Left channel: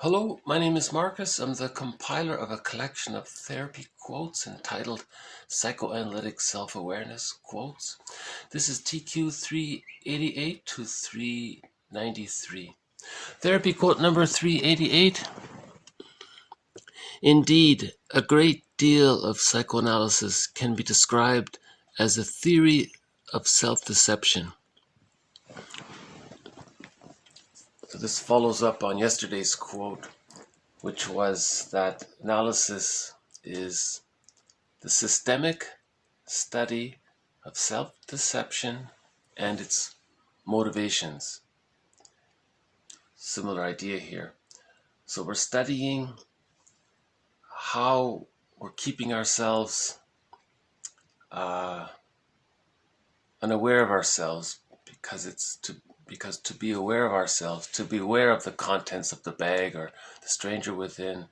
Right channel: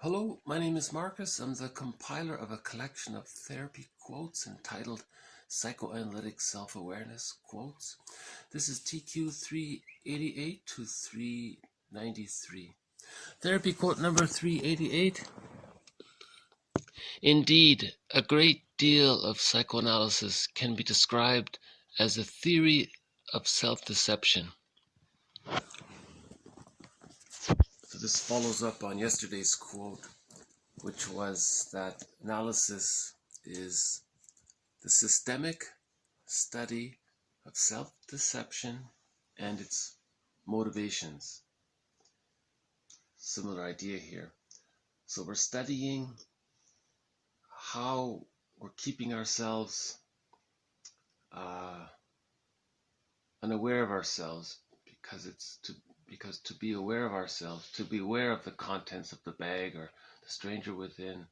Hello, my name is Marcus. I'm the compiler of a collection of therapy quotes entitled Psychoanalytic Self-Awareness Quotes. This is TQ 388 to 393. Therapy quote number 388. Indeed, a great deal of psychoanalysis can be described as a theory of self-deception. So this follows up on yesterday's quote, which was that analysis is the systemic study of self-deception and its motivations. Similar idea here. So we're studying how we're keeping ourselves unaware of ourselves, because to be aware of ourselves, to be aware of the contents of the bag or the stranger within,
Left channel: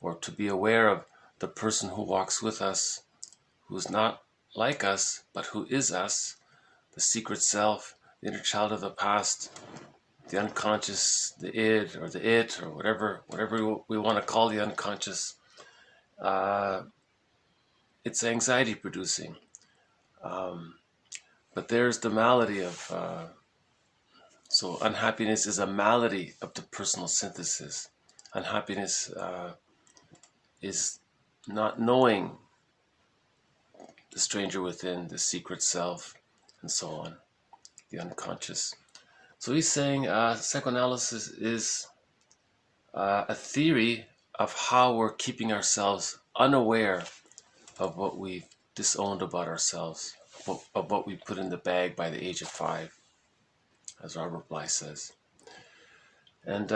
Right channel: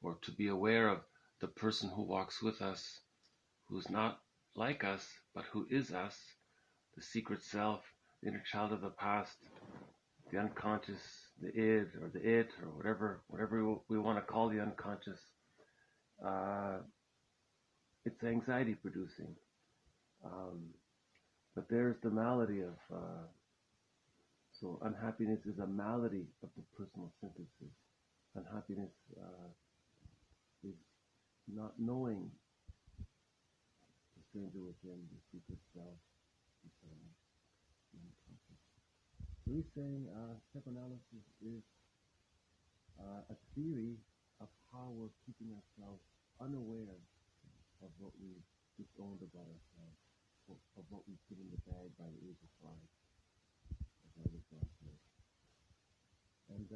or to be aware of the person who walks with us, who's not like us, but who is us, the secret self, the inner child of the past, the unconscious, the id or the it, or whatever we want to call the unconscious. It's anxiety producing. But there's the malady of, so unhappiness is a malady of the personal synthesis. Unhappiness is not knowing the stranger within, the secret self, and so on, the unconscious. So he's saying psychoanalysis is a theory of how we're keeping ourselves unaware of what we've disowned about ourselves, of what we put in the bag by the age of 5, as Robert Bly says. And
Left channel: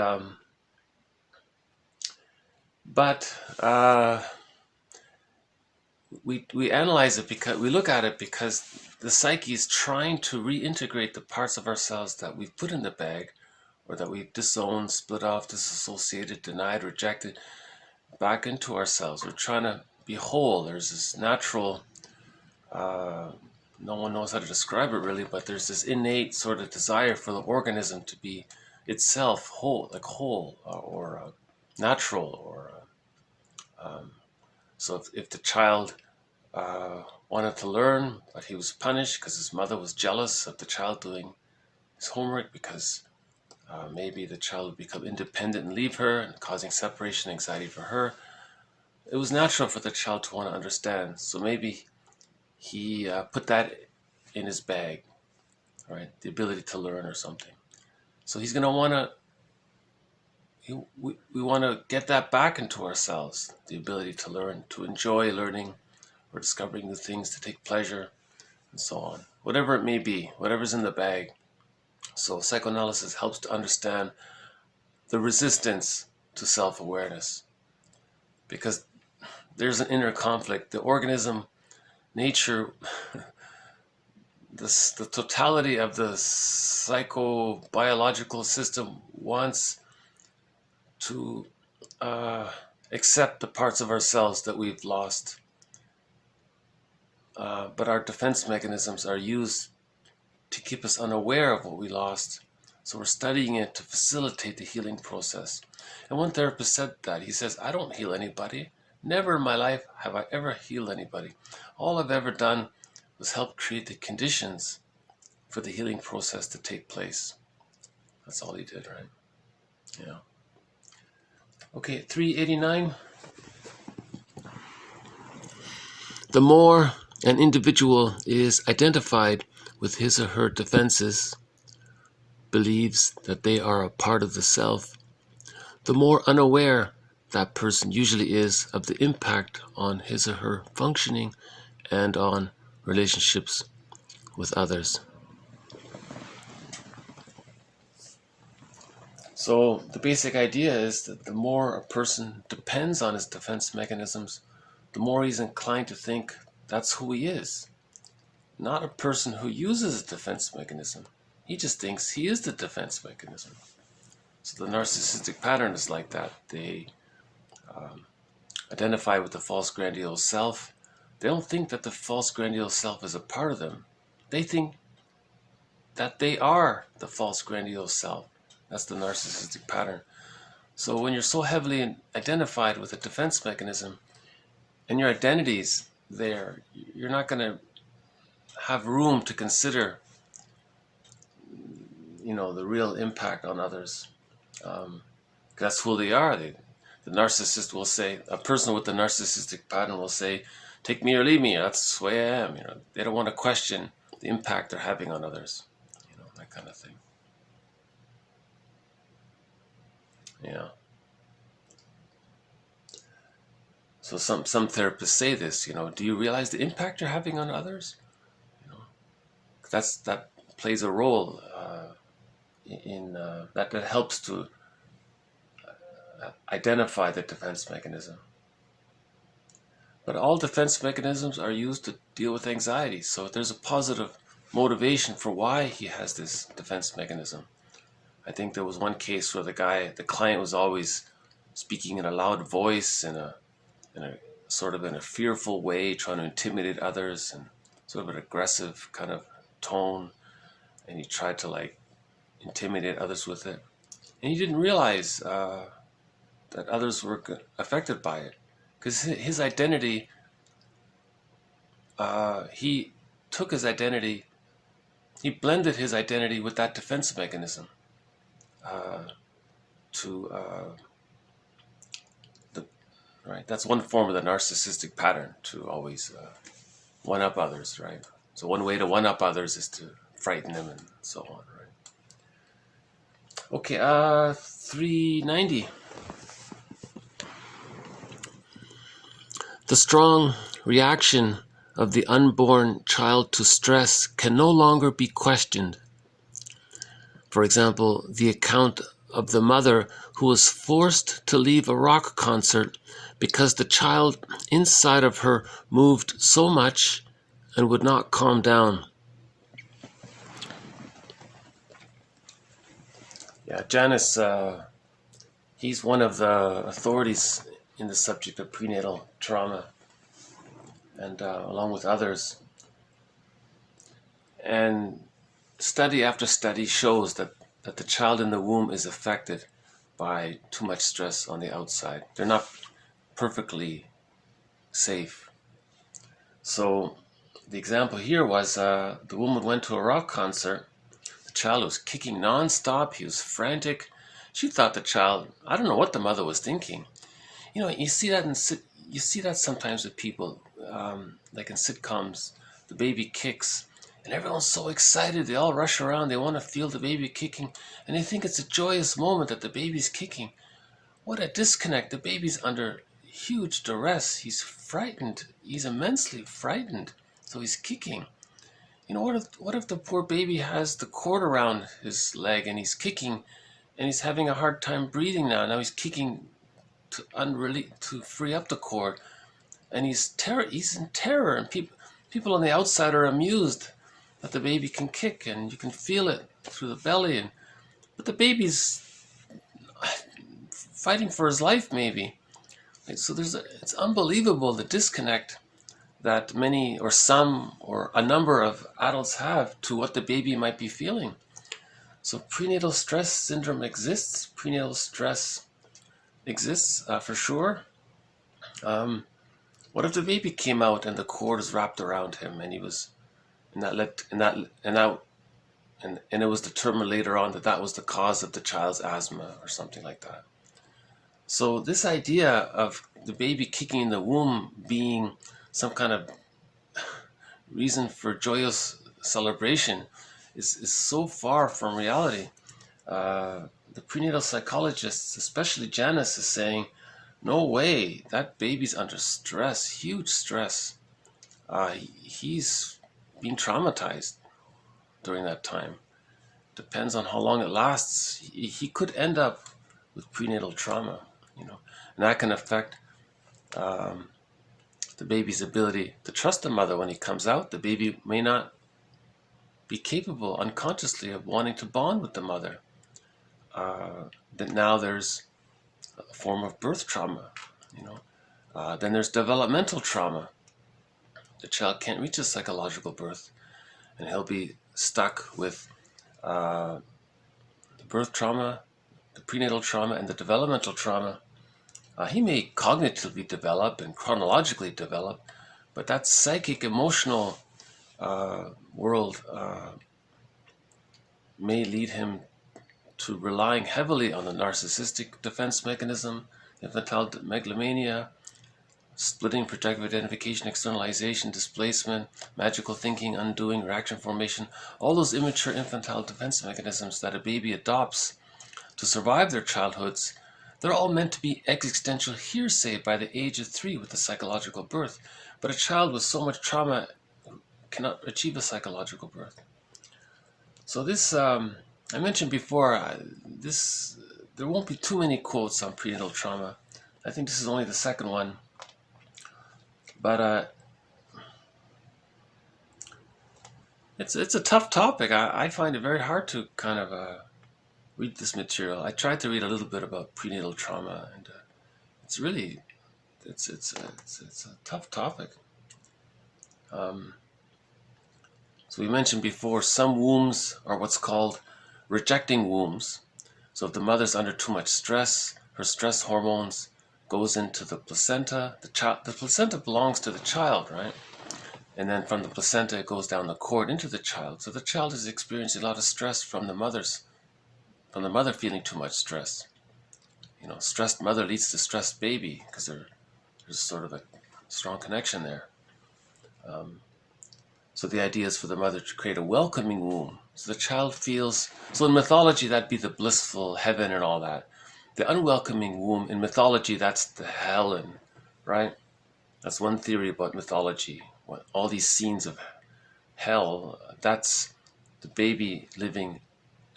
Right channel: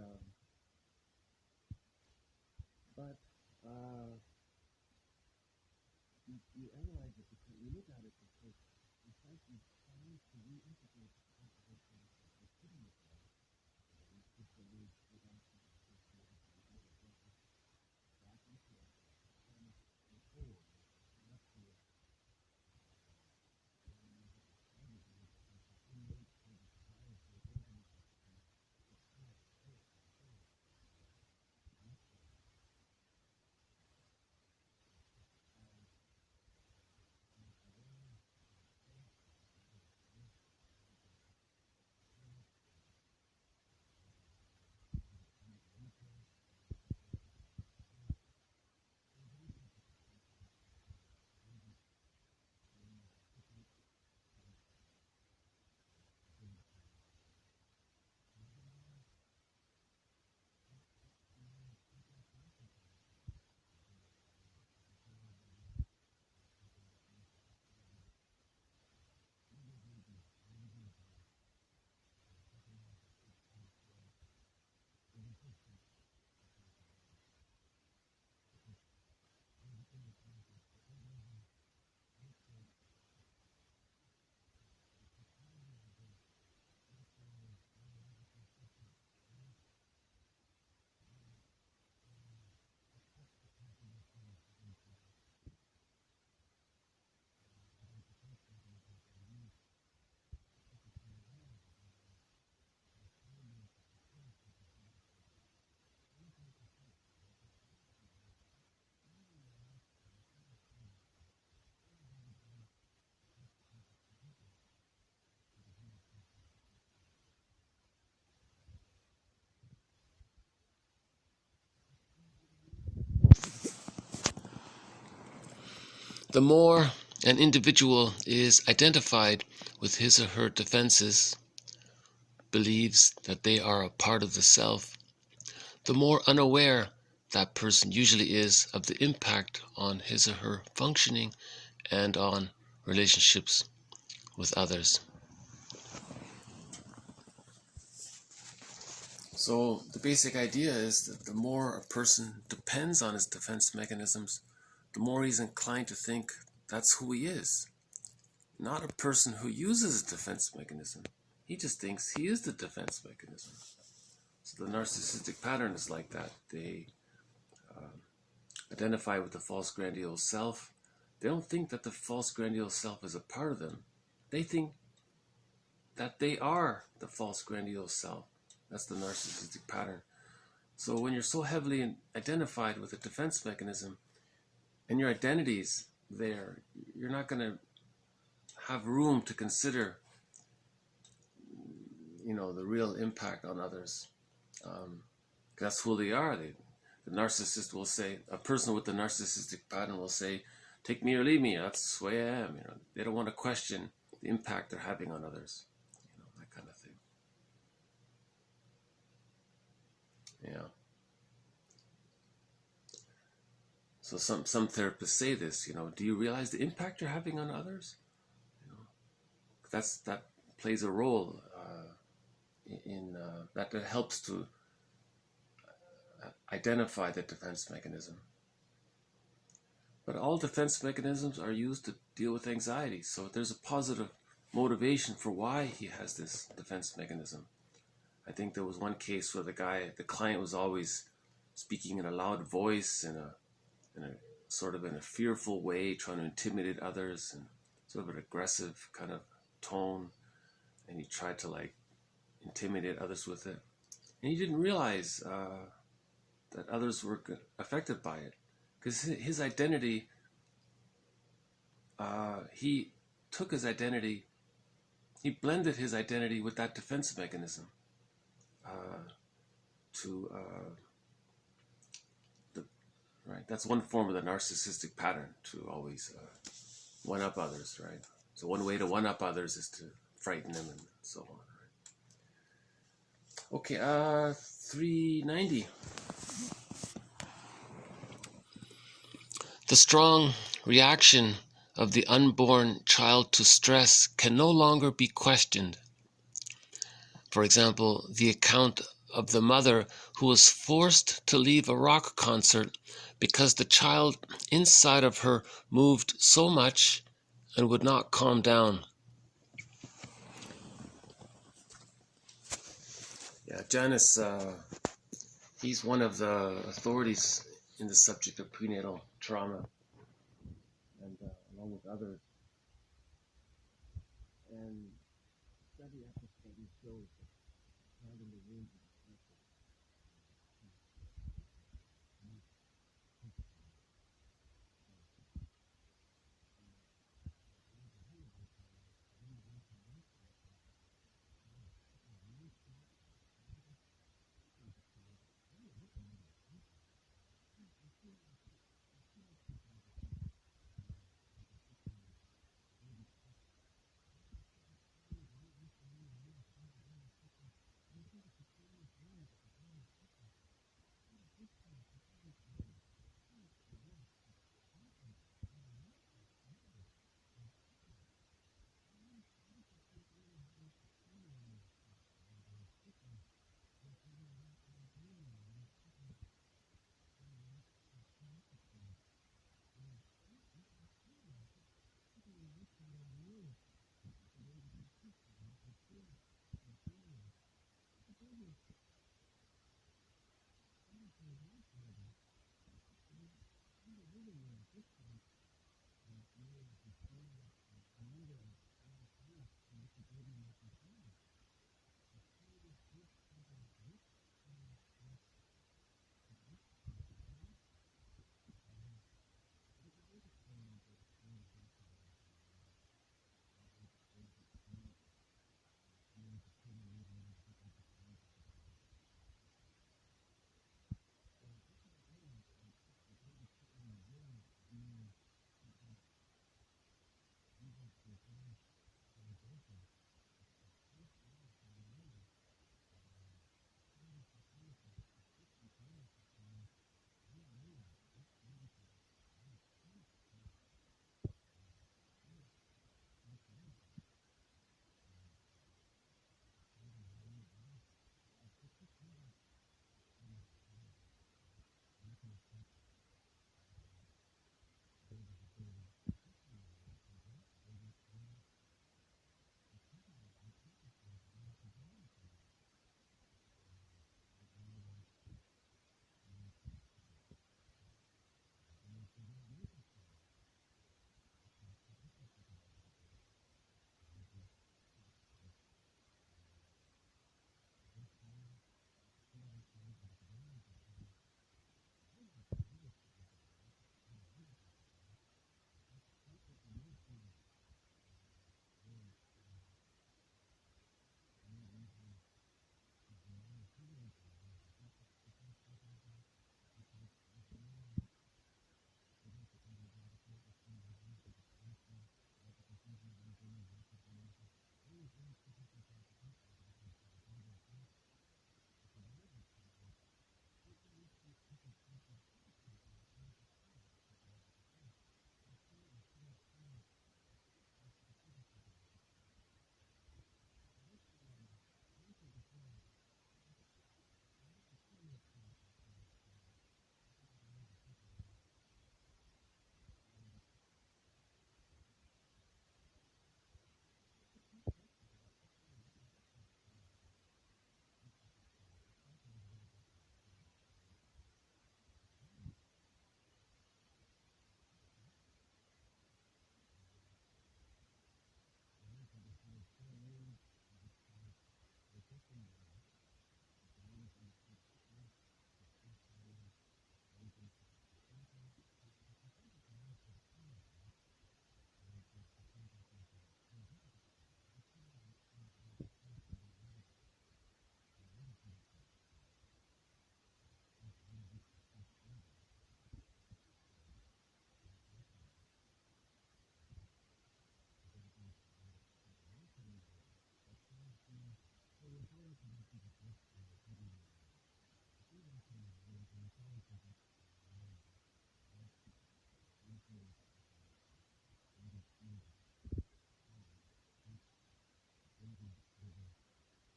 we analyze it, because we look at it because the psyche is trying to reintegrate the parts of ourselves that we've put in the bag, or that we've disowned, split off, disassociated, denied, rejected, back into ourselves. We're trying to be whole. There's this natural, no one knows how to describe it really, but there's this innate sort of desire for the organism to be itself whole, like whole, or natural, or so if the child wanted to learn, but he was punished because his mother was jealous of the child doing his homework, because maybe the child would become independent and leave her, and causing separation anxiety for her. It was natural for the child to want to understand. So maybe he put that in his bag, right? The ability to learn or something. So he's going to want to, we want to get that back into ourselves, the ability to learn, to enjoy learning or discovering new things, to take pleasure, and so on. Whatever it may be, whatever's in the bag. So psychoanalysis helps to understand the resistance to self-awareness, because there's an inner conflict. The organism, nature, the totality of the psychobiological system wants to accept the parts of ourselves that we've lost. But our defense mechanisms are used to keep us unaware of what we lost. So we're studying it to facilitate the healing process. And one therapist said that. He says, I don't heal anybody. Never in my life have I ever healed anybody. All I've ever done was help create the conditions for the healing process to take place. That's all he did, right? Yeah. Okay, 389. The more an individual is identified with his or her defenses, believes that they are a part of the self, the more unaware that person usually is of the impact on his or her functioning and on relationships with others. So the basic idea is that the more a person depends on his defense mechanisms, the more he's inclined to think that's who he is. Not a person who uses a defense mechanism. He just thinks he is the defense mechanism. So the narcissistic pattern is like that. They identify with the false grandiose self. They don't think that the false grandiose self is a part of them. They think that they are the false grandiose self. That's the narcissistic pattern. So when you're so heavily identified with a defense mechanism and your identity's there, you're not going to have room to consider, you know, the real impact on others. That's who they are. The narcissist will say, a person with the narcissistic pattern will say, take me or leave me, that's the way I am. You know, they don't want to question the impact they're having on others. You know, that kind of thing. Yeah. So some therapists say this, you know, do you realize the impact you're having on others? You know, that plays a role in that helps to identify the defense mechanism. But all defense mechanisms are used to deal with anxiety. So there's a positive motivation for why he has this defense mechanism. I think there was one case where the client was always speaking in a loud voice, in a sort of in a fearful way, trying to intimidate others, and sort of an aggressive kind of tone. And he tried to like intimidate others with it. And he didn't realize that others were affected by it. Because his identity, he took his identity, he blended his identity with that defense mechanism right? That's one form of the narcissistic pattern, to always one-up others, right? So one way to one-up others is to frighten them and so on, right? Okay, 390. The strong reaction of the unborn child to stress can no longer be questioned. For example, the account of the mother who was forced to leave a rock concert because the child inside of her moved so much and would not calm down. Yeah, Janus, he's one of the authorities in the subject of prenatal trauma, and along with others. And study after study shows that the child in the womb is affected by too much stress on the outside. They're not perfectly safe. So the example here was the woman went to a rock concert. The child was kicking non-stop. He was frantic. She thought the child, I don't know what the mother was thinking. You know, you see that sometimes with people, like in sitcoms, the baby kicks, and everyone's so excited. They all rush around. They want to feel the baby kicking, and they think it's a joyous moment that the baby's kicking. What a disconnect. The baby's under huge duress. He's frightened. He's immensely frightened. So he's kicking. You know, what if the poor baby has the cord around his leg and he's kicking, and he's having a hard time breathing now. Now he's kicking to free up the cord, and he's in terror, and people on the outside are amused that the baby can kick, and you can feel it through the belly, but the baby's fighting for his life, maybe. So it's unbelievable, the disconnect that many or some or a number of adults have to what the baby might be feeling. So prenatal stress syndrome exists. Prenatal stress exists for sure. What if the baby came out and the cord is wrapped around him, and he was, and it was determined later on that was the cause of the child's asthma or something like that. So this idea of the baby kicking in the womb being some kind of reason for joyous celebration is so far from reality. The prenatal psychologists, especially Janus, is saying, no way, that baby's under stress, huge stress. He's being traumatized during that time. Depends on how long it lasts. He could end up with prenatal trauma, you know, and that can affect the baby's ability to trust the mother when he comes out. The baby may not be capable unconsciously of wanting to bond with the mother. That now there's a form of birth trauma, you know. Then there's developmental trauma. The child can't reach a psychological birth, and he'll be stuck with the birth trauma, the prenatal trauma and the developmental trauma, he may cognitively develop and chronologically develop, but that psychic, emotional world may lead him to relying heavily on the narcissistic defense mechanism, infantile megalomania, splitting, projective identification, externalization, displacement, magical thinking, undoing, reaction formation, all those immature infantile defense mechanisms that a baby adopts to survive their childhoods, they're all meant to be existential hearsay by the age of 3 with the psychological birth. But a child with so much trauma cannot achieve a psychological birth. So this, I mentioned before, there won't be too many quotes on prenatal trauma. I think this is only the second one. But it's a tough topic. I find it very hard to kind of read this material. I tried to read a little bit about prenatal trauma, and it's really it's a tough topic. So we mentioned before, some wombs are what's called rejecting wombs. So if the mother's under too much stress, her stress hormones goes into the placenta. The placenta belongs to the child, right? And then from the placenta, it goes down the cord into the child. So the child is experiencing a lot of stress from the mother feeling too much stress. You know, stressed mother leads to stressed baby because there's sort of a strong connection there. So the idea is for the mother to create a welcoming womb. So the child feels, so in mythology, that'd be the blissful heaven and all that. The unwelcoming womb, in mythology, that's the Helen, right? That's one theory about mythology. All these scenes of hell, that's the baby living,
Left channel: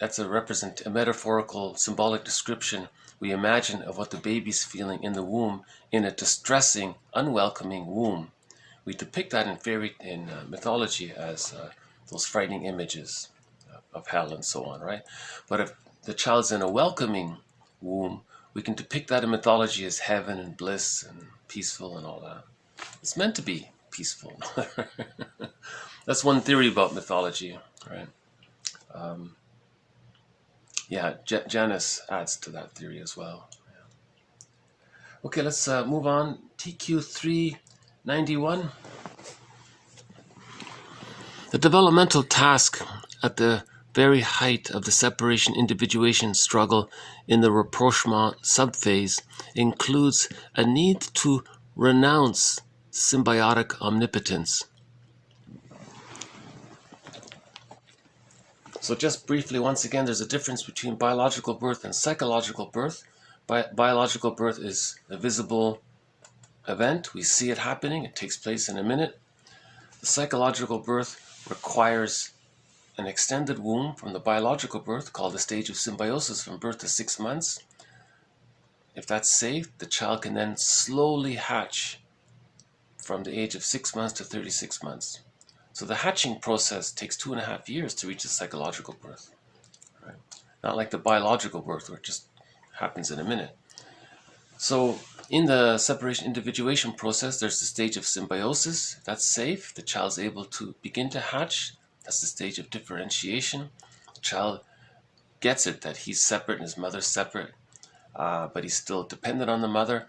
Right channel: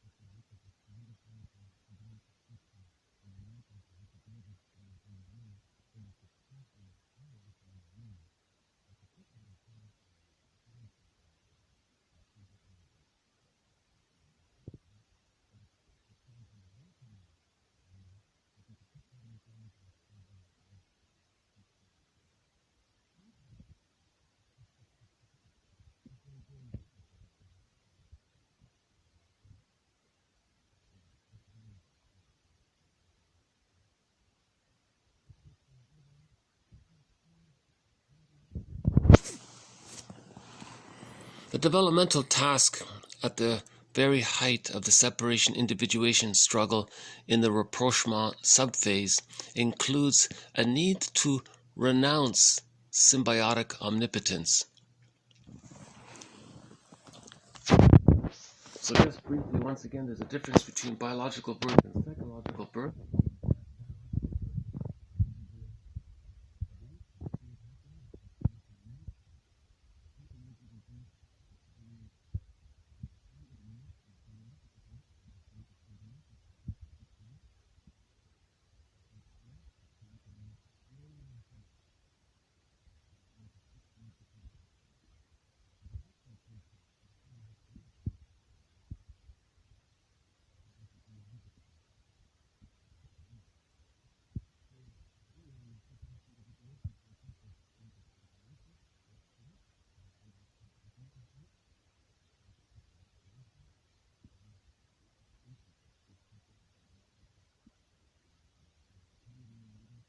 that's a metaphorical, symbolic description we imagine of what the baby's feeling in the womb, in a distressing, unwelcoming womb. We depict that in mythology as those frightening images of hell and so on, right? But if the child's in a welcoming womb, we can depict that in mythology as heaven and bliss and peaceful and all that. It's meant to be peaceful. That's one theory about mythology, right? Janus adds to that theory as well. Yeah. Okay, let's move on. TQ 391. The developmental task at the very height of the separation-individuation struggle in the rapprochement subphase includes a need to renounce symbiotic omnipotence. So just briefly, once again, there's a difference between biological birth and psychological birth. Biological birth is a visible event. We see it happening. It takes place in a minute. The psychological birth requires an extended womb from the biological birth, called the stage of symbiosis, from birth to 6 months. If that's safe, the child can then slowly hatch from the age of 6 months to 36 months. So the hatching process takes 2.5 years to reach the psychological birth. Right? Not like the biological birth, where it just happens in a minute. So in the separation-individuation process, there's the stage of symbiosis. If that's safe, the child's able to begin to hatch. That's the stage of differentiation. The child gets it that he's separate and his mother's separate, but he's still dependent on the mother.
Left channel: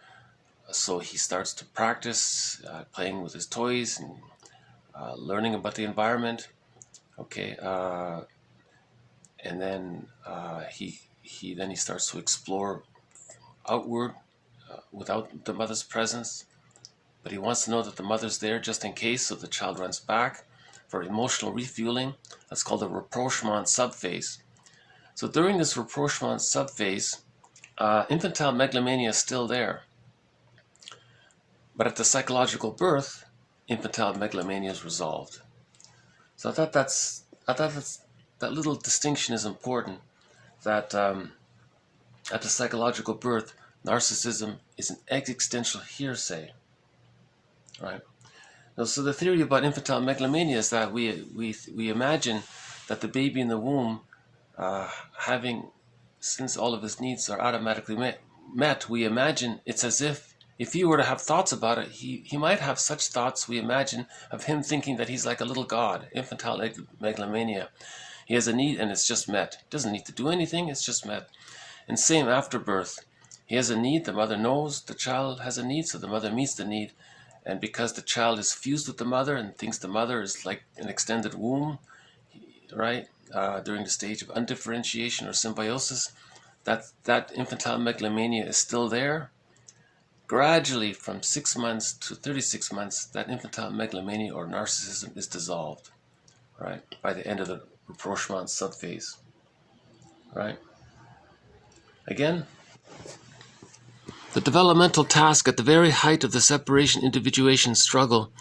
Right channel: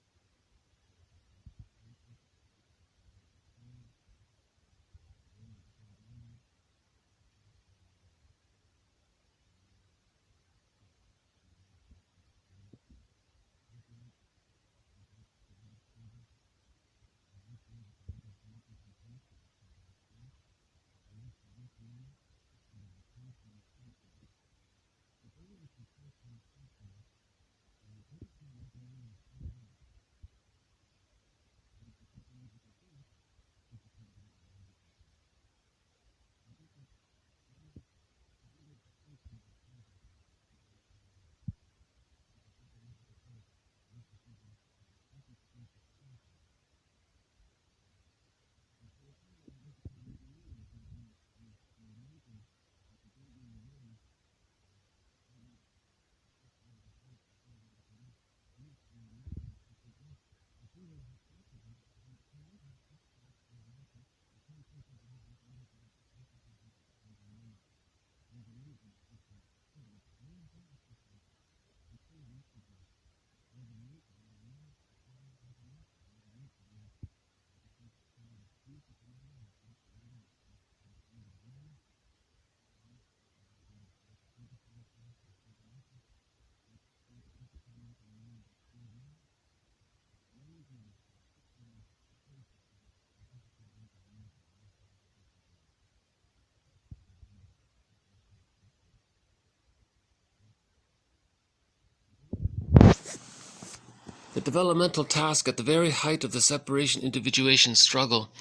So he starts to practice playing with his toys and learning about the environment. Okay, and then he starts to explore outward without the mother's presence, but he wants to know that the mother's there just in case. So the child runs back for emotional refueling. That's called the rapprochement subphase. So during this rapprochement subphase, infantile megalomania is still there, but at the psychological birth, infantile megalomania is resolved. So I thought that little distinction is important. That at the psychological birth, narcissism is an existential hearsay, right? Now, so the theory about infantile megalomania is that we imagine that the baby in the womb, since all of his needs are automatically met, we imagine it's as if he were to have thoughts about it, he might have such thoughts, we imagine, of him thinking that he's like a little god, infantile megalomania. He has a need and it's just met. Doesn't need to do anything, it's just met. And same after birth. He has a need, the mother knows the child has a need, so the mother meets the need. And because the child is fused with the mother and thinks the mother is like an extended womb, right, during the stage of undifferentiation or symbiosis, that infantile megalomania is still there. Gradually, from 6 months to 36 months, that infantile megalomania or narcissism is dissolved, right, by the end of the rapprochement subphase, right? Again, the developmental task at the very height of the separation-individuation struggle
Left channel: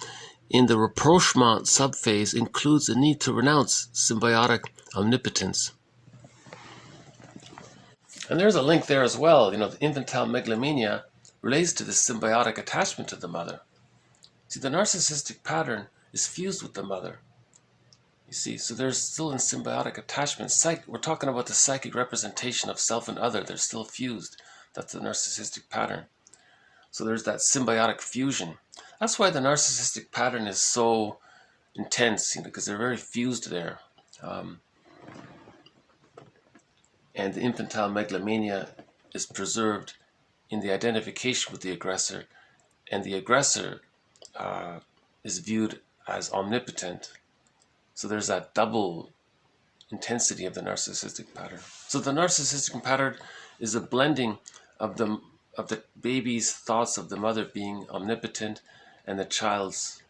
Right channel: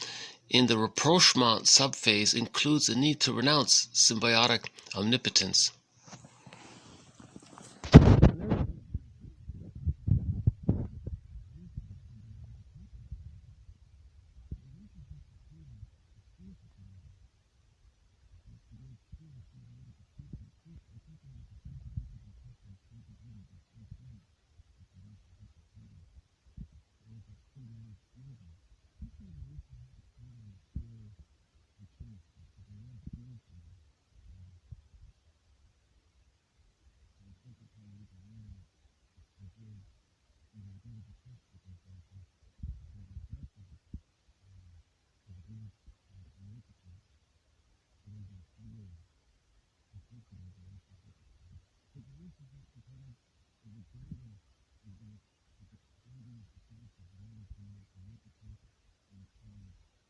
in the rapprochement subphase includes the need to renounce symbiotic omnipotence. And there's a link there as well. You know, the infantile megalomania relates to the symbiotic attachment to the mother. See, the narcissistic pattern is fused with the mother. You see, so there's still in symbiotic attachment. We're talking about the psychic representation of self and other. They're still fused. That's the narcissistic pattern. So there's that symbiotic fusion. That's why the narcissistic pattern is so intense, you know, because they're very fused there. And the infantile megalomania is preserved in the identification with the aggressor, and the aggressor is viewed as omnipotent. So there's that double intensity of the narcissistic pattern. So the narcissistic pattern is a blending of the baby's thoughts of the mother being omnipotent and the child's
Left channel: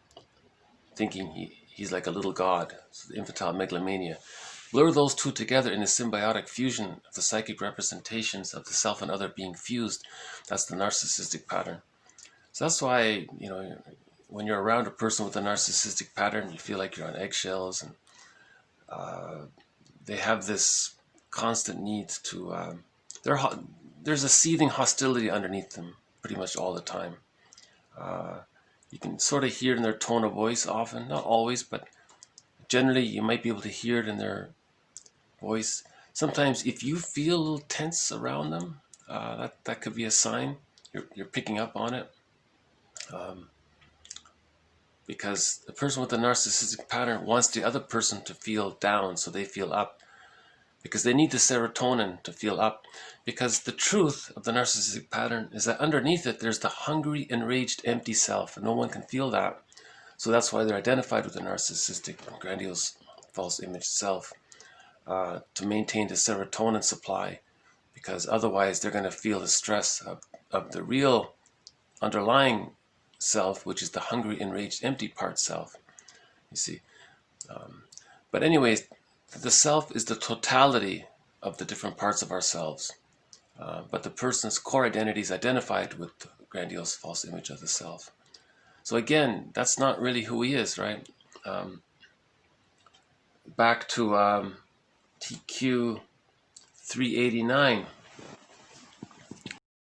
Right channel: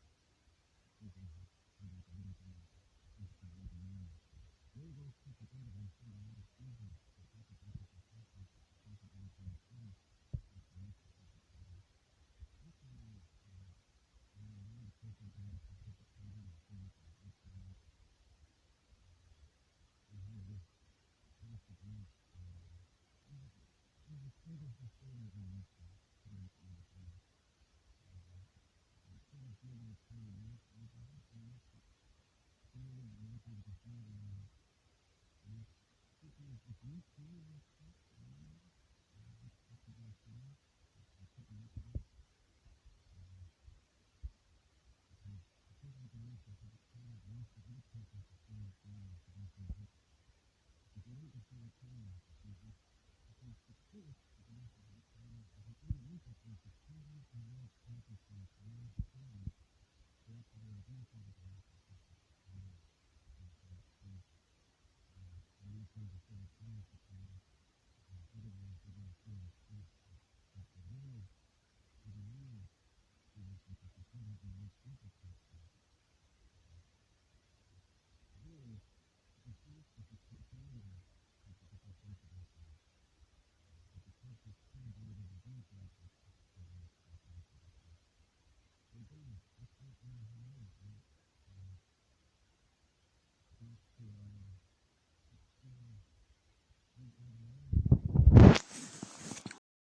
thinking he's like a little god. So the infantile megalomania. Blur those two together in a symbiotic fusion of the psychic representations of the self and other being fused. That's the narcissistic pattern. So that's why, you know, when you're around a person with a narcissistic pattern, you feel like you're on eggshells, and they have this constant need to, there's a seething hostility underneath them pretty much all the time. You can sort of hear it in their tone of voice often, not always, but generally you might be able to hear it in their voice. Sometimes if you feel a little tense around them, that could be a sign. You're picking up on it. Because the person with the narcissistic pattern wants the other person to feel down so they feel up. Because they need the serotonin to feel up. Because the truth of the narcissistic pattern is that underneath it there's the hungry, enraged, empty self, and no one can feel that. So that's why they're identified with the narcissistic, grandiose, false image self, to maintain the serotonin supply, because otherwise they're going to feel the stress of the real underlying self, which is the hungry, enraged, empty part self, you see. But anyways, the self is the totality of the different parts of ourselves, but the person's core identity is identified with the grandiose false image of the self. So again, that's not really who he is, right? Back to TQ 389.